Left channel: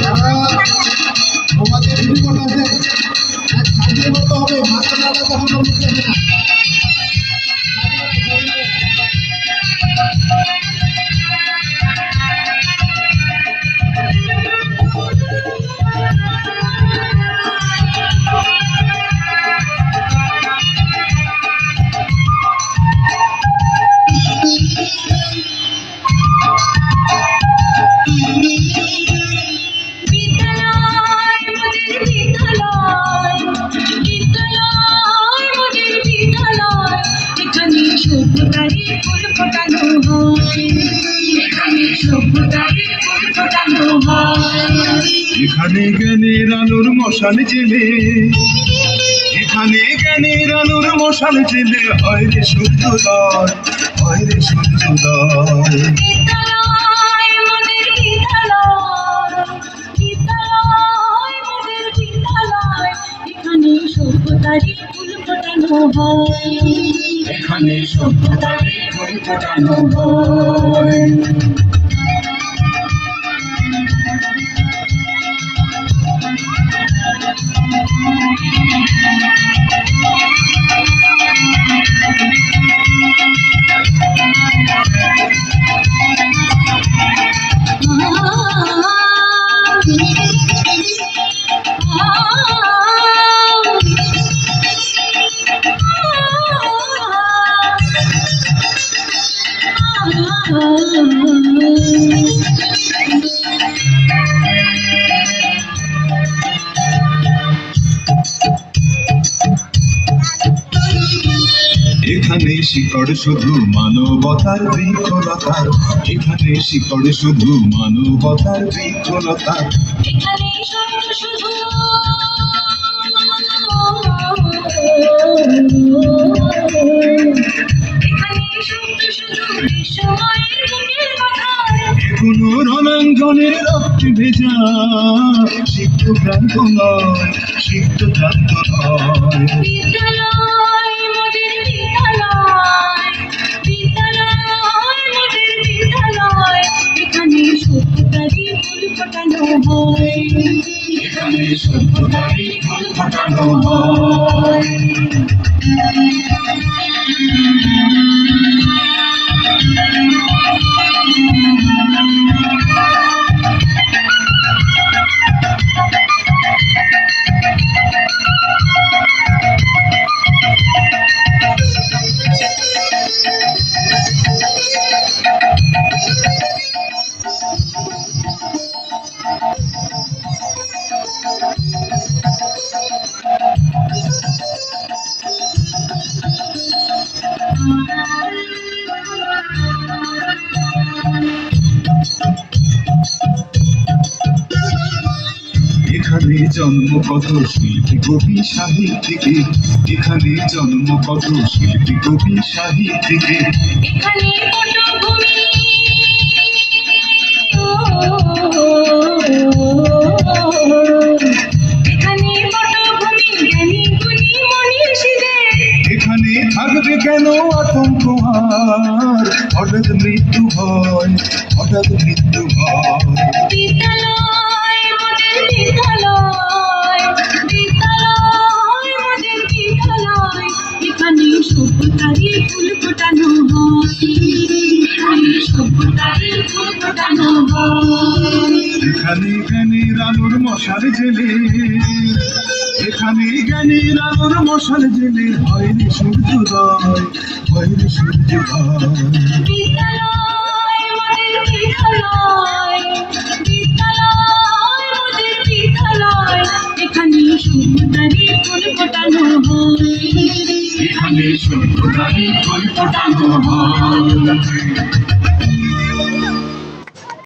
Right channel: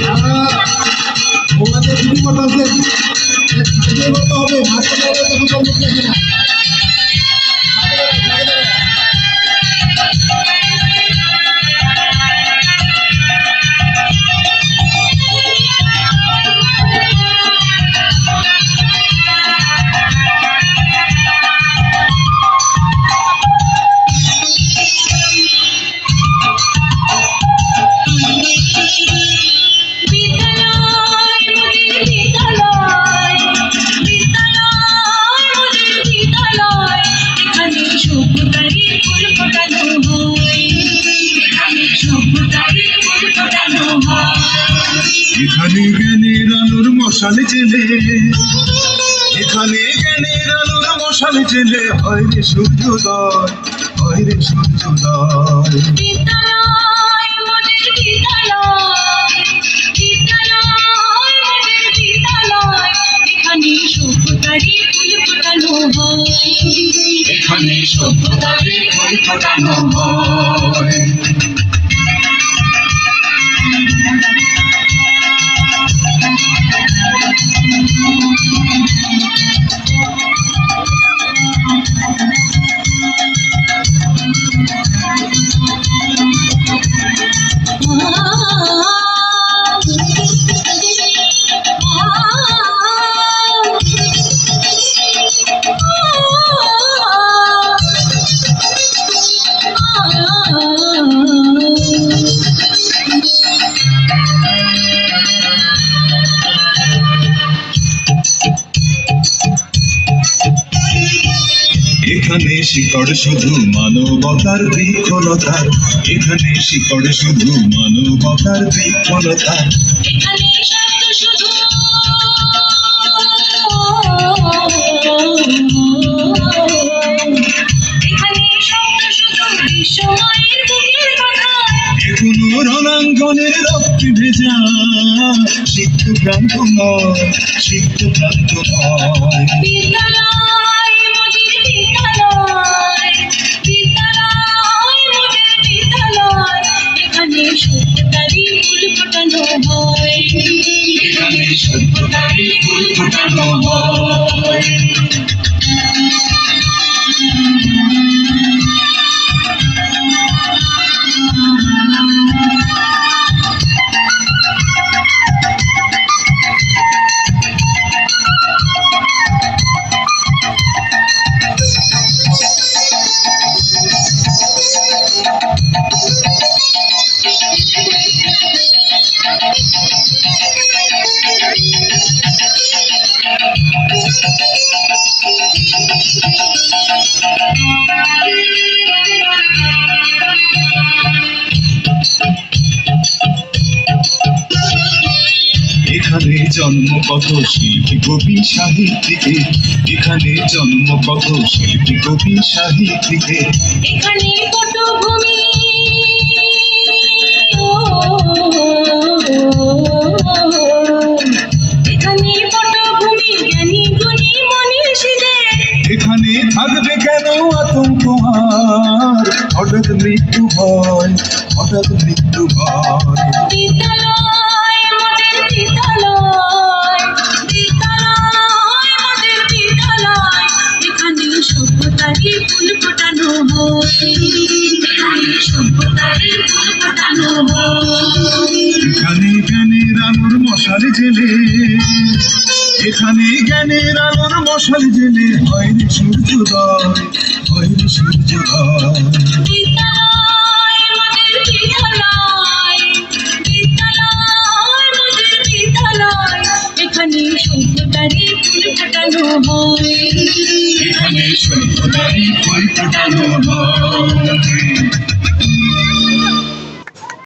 যারা মোবাইলে শুরু করতেছেন সাজিয়ে মতো হবে মাঝখানে তখন মুখ দেখে না। এখানে জ্ঞানের আলোর মশাল জেলে, এখানে জ্ঞানের আলোর মশাল জেলে হয় রে সূর্যোদয়, হয় রে সূর্যোদয়। এখানে সভ্যতারই ফুল ফোটানো হয়। এখানে শিকড় শুধু মানবতার বৃক্ষলতার, এখানে শিকড় শুধু মানবতার বৃক্ষলতার। এখনো রণাঙ্গনের রক্তে ভেজা সিক্ত ক্রান্ত নয়, সিক্ত ক্রান্ত নয়। এখানে সভ্যতারই ফুল ফোটানো হয়। এখানে জন্ম কত শিল্পী কবি সাহিত্যিকে, এখানে জন্ম কত শিল্পী কবি সাহিত্যিকে। এখানে পটভূমি, এখানে পটভূমি জ্ঞানী গুণী মনীষীদের। এখানে থাকবে কেন আতঙ্ক আর হঠাৎ মৃত্যু ভয়, হঠাৎ মৃত্যু ভয়। বিদ্যালয় মোদের বিদ্যালয়, বিদ্যালয় মোদের বিদ্যালয়। এখানে সভ্যতারই ফুল ফোটানো হয়, এখানে সভ্যতারই ফুল ফোটানো হয়। এখানে জ্ঞানের আলোর মশাল জেলে, এখানে জ্ঞানের আলোর মশাল জেলে হয় রে সূর্যোদয়, হয় রে সূর্যোদয়। বিদ্যালয় মোদের বিদ্যালয়, বিদ্যালয় মোদের বিদ্যালয়। এখানে সভ্যতারই ফুল ফোটানো হয়, এখানে সভ্যতারই ফুল ফোটানো হয়।